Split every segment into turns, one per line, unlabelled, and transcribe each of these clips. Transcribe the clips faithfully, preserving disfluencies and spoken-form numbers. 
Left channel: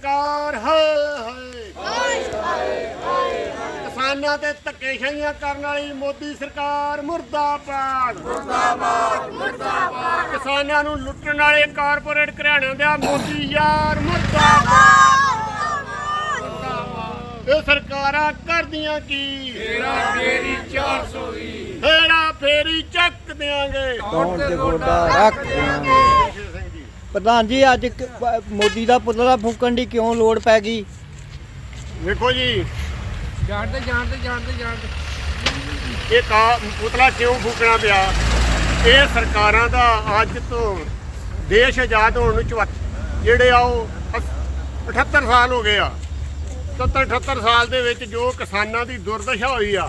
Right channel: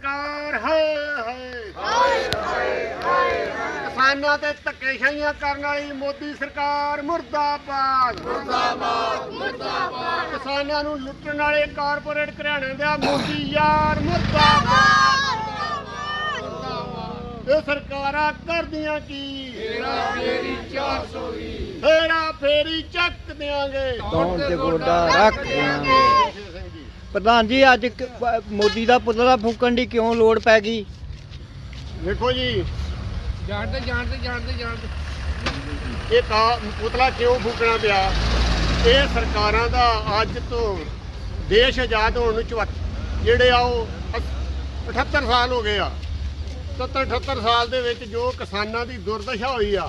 सरकार हाय हाय किसानों ते धक्केशाहियां करने वाली मोदी सरकार मुर्दाबाद मुर्दाबाद मुर्दाबाद किसानों नूं लुट्टण वाले कारपोरेट घराणिਆਂ ਦਾ मोदी यार मुर्दाबाद मुर्दाबाद ये सरकारां करदियां की हेरा फेरी चार सौ बीस हेरा फेरी चक देंगे
कौन ते गोडा रख देंगे। प्रधान जी अज मोदी का पुतला फूकण की क्यों लोड़ पै गई?
देखो जी
जानते जानते जानते जानते
ये का पुतला क्यों फूकना पिया? ये सरकारां दा अज तो देश आजाद होने चौहत्तर जेड़े आ अठहत्तर साल हो गए आ। सत्तर अठहत्तर साल दे विच जो किसानां दी दुर्दशा हुई आ,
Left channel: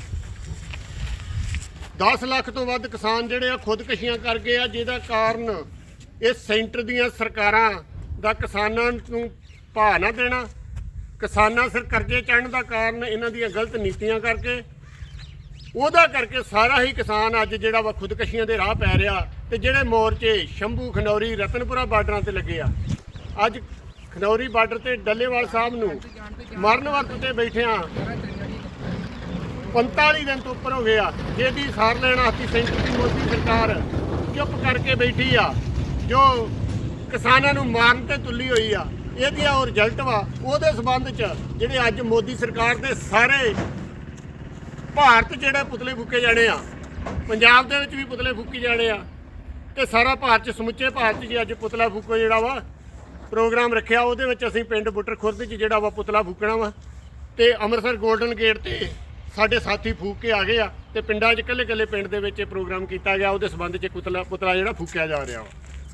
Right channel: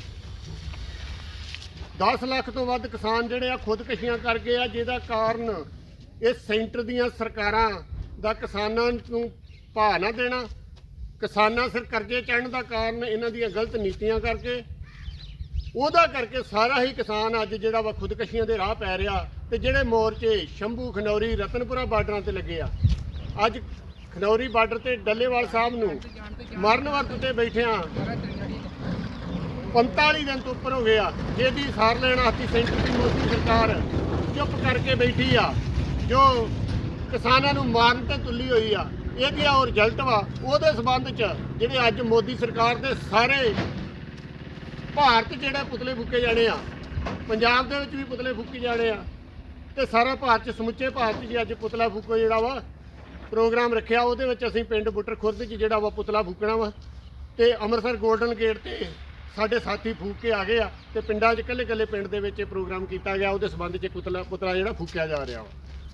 दस लाख तो वध किसान जेड़े आ खुदकशियां कर गए आ, जिहदा कारण ਇਹ ਸੈਂਟਰ ਦੀਆਂ ਸਰਕਾਰਾਂ ਦਾ ਕਿਸਾਨਾਂ ਨੂੰ ਭਾਅ ਨਾ ਦੇਣਾ, ਕਿਸਾਨਾਂ ਸਿਰ ਕਰਜ਼ੇ ਚੜ੍ਹਨ ਦਾ ਕਾਰਨ ਇਹਨਾਂ ਦੀਆਂ ਗਲਤ ਨੀਤੀਆਂ ਕਰਕੇ, ਉਹਦਾ ਕਰਕੇ ਸਾਰਾ ਹੀ ਕਿਸਾਨ ਅੱਜ ਜਿਹੜਾ ਵਾ ਖੁਦਕਸ਼ੀਆਂ ਦੇ ਰਾਹ ਪੈ ਰਿਹਾ। ਤੇ ਜਿਹੜੇ ਮੋਰਚੇ ਸ਼ੰਭੂ ਖਨੌਰੀ ਰਤਨਪੁਰਾ ਬਾਰਡਰਾਂ ਤੇ ਲੱਗੇ ਆ, ਅੱਜ ਖਨੌਰੀ ਬਾਰਡਰ ਤੇ ਡੱਲੇਵਾਲ ਸਾਹਿਬ ਨੂੰ ਮਰਨ ਵਰਤ ਤੇ ਬੈਠਿਆਂ ਪੰਤਾਲੀ ਦਿਨ ਤੋਂ ਉੱਪਰ ਹੋ ਗਏ ਆ, ਜਿਹਦੀ ਸਾਰ ਲੈਣ ਵਾਸਤੇ ਸੈਂਟਰ ਦੀ ਮੋਦੀ ਸਰਕਾਰ ਚੁੱਪ ਕਰਕੇ ਬੈਠੀ ਆ, ਜੋ ਕਿਸਾਨਾਂ ਨੂੰ ਮਾਰਨ ਤੇ ਤੁੱਲੀ ਹੋਈ ਆ। ਇਹਦੀ ਉਹ ਰਿਜ਼ਲਟ ਵਾ। ਉਹਦੇ ਸੰਬੰਧ 'ਚ ਜਿਹੜੇ ਅੱਜ ਮੋਦੀ ਸਰਕਾਰ ਦੇ ਸਾਰੇ ਭਾਰਤ ਜਿਹੜੇ ਪੁਤਲੇ ਫੂਕੇ ਜਾਣੇ ਆ, ਪੰਜਾਬ ਦੇ ਵਿੱਚ ਵੀ ਪੁਤਲੇ ਫੂਕੇ ਜਾਣੇ ਆ, ਤੇ ਸਾਰਾ ਭਾਰਤ 'ਚ ਸਮੁੱਚੇ ਭਾਰਤ 'ਚ ਜੀ ਅੱਜ ਪੁਤਲਾ ਫੂਕੋ ਜਿਹੜਾ ਵਾ ਪ੍ਰੋਗਰਾਮ ਰੱਖਿਆ। ਉਹਦੇ ਵਿੱਚ ਅਸੀਂ ਪਿੰਡ ਬੁੱਟਰ ਖੁਰਦ 'ਚ ਜਿਹੜਾ ਵਾ ਪੁਤਲਾ ਫੂਕਣਾ ਵਾ, ਤੇ ਅੰਮ੍ਰਿਤਸਰ ਗੋਲਡਨ ਗੇਟ ਤੇ ਸਾਡੇ ਸਾਥੀ ਫੂਕ ਕੇ ਆ ਗਏ ਆ, ਤੇ ਪਿੰਡਾਂ 'ਚ ਇਕੱਲੇ ਇਕੱਲੇ ਪਿੰਡ ਦੇ ਵਿੱਚ ਇਹ ਪ੍ਰੋਗਰਾਮ ਕੀਤਾ ਗਿਆ। ਉਹਦੇ ਸੰਬੰਧ 'ਚ ਪੁਤਲਾ ਪੁਤਲਾ ਜਿਹੜਾ ਫੂਕਿਆ ਜਾ ਰਿਹਾ ਵਾ।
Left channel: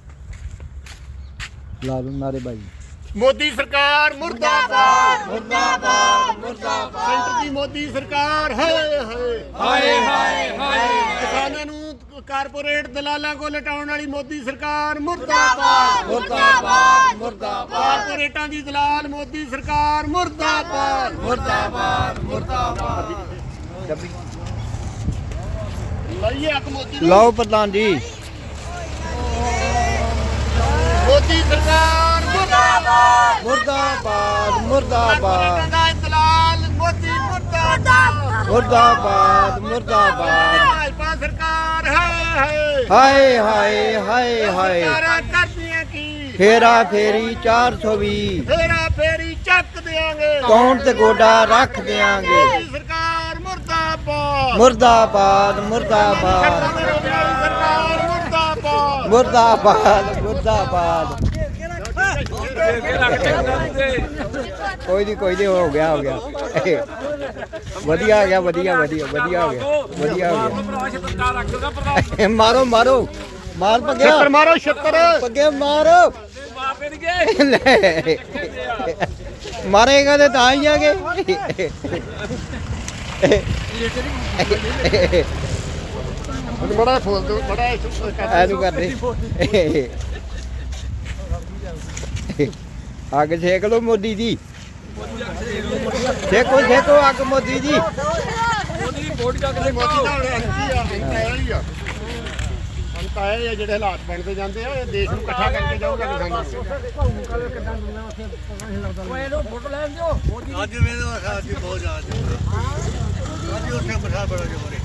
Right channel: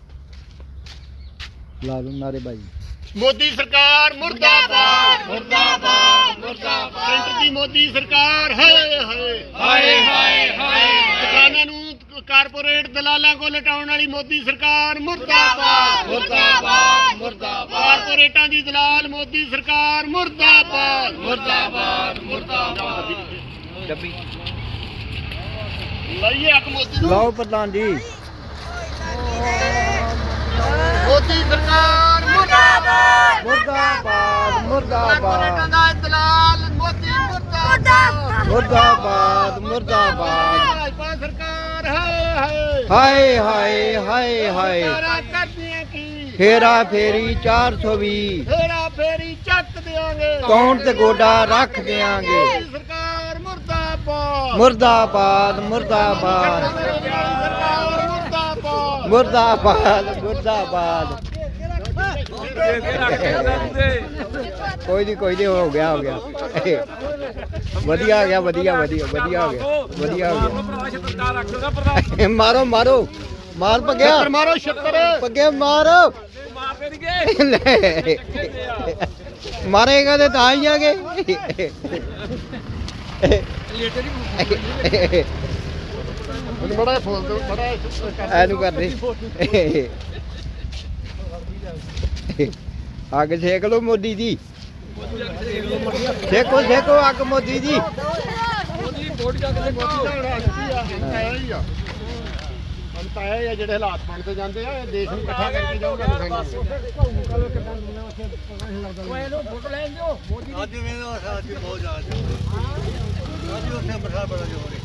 ला दो नारे भाई।
मोदी सरकार मुर्दाबाद मुर्दाबाद मुर्दाबाद सेंटर की मोदी सरकार हाय हाय हाय हाय हाय किसानों नूं कारपोरेट दलालां को लटाउण वाली मोदी सरकार मुर्दाबाद मुर्दाबाद मुर्दाबाद कारपोरेटां दी दलाल मोदी सरकार मुर्दाबाद मुर्दाबाद मुर्दाबाद लाइए हक मोदी नूं।
लो प्रधान जी
मोदी सरकार मुर्दाबाद
मुर्दाबाद मुर्दाबाद
दलाल मोदी मुर्दाबाद
मुर्दाबाद मुर्दाबाद
भाजपा सरकार हाय
हाय हाय हाय हाय
करदियां की
हेरा फेरी चार सौ भी
हेरा फेरी चक देंगे
कौन ते गोडा रख देंगे।
सरकार मुर्दाबाद
मुर्दाबाद मुर्दाबाद
सरकार मुर्दाबाद
मुर्दाबाद मुर्दाबाद कोई नहीं कोई नहीं हो गया हो गया वधिया हो गया वधिया वधिया वधिया हो गया वधिया हो गया। मारो मारो मार पग्या
मारो छत्तर
पग्या मारो मारेगा तो ता ही आगे
बड़ा खोल दो बड़ा
ऐनू कर दे आग सेक लो मोदी जी सेको सेको आग मोदी जी।
ਜਿਹੜੇ ਹਾਲਾਤ ਬਣਦੇ ਜਾਂਦੇ ਆ, ਇਹ ਦੇਸ਼ ਨੂੰ ਇਕੱਠਾ ਕਰਕੇ ਜਾਊਗਾ ਕਿਸਾਨਾਂ ਨੂੰ।
ਅੱਜ ਵੇਲੇ ਬਹੁਤ ਜ਼ਿਆਦਾ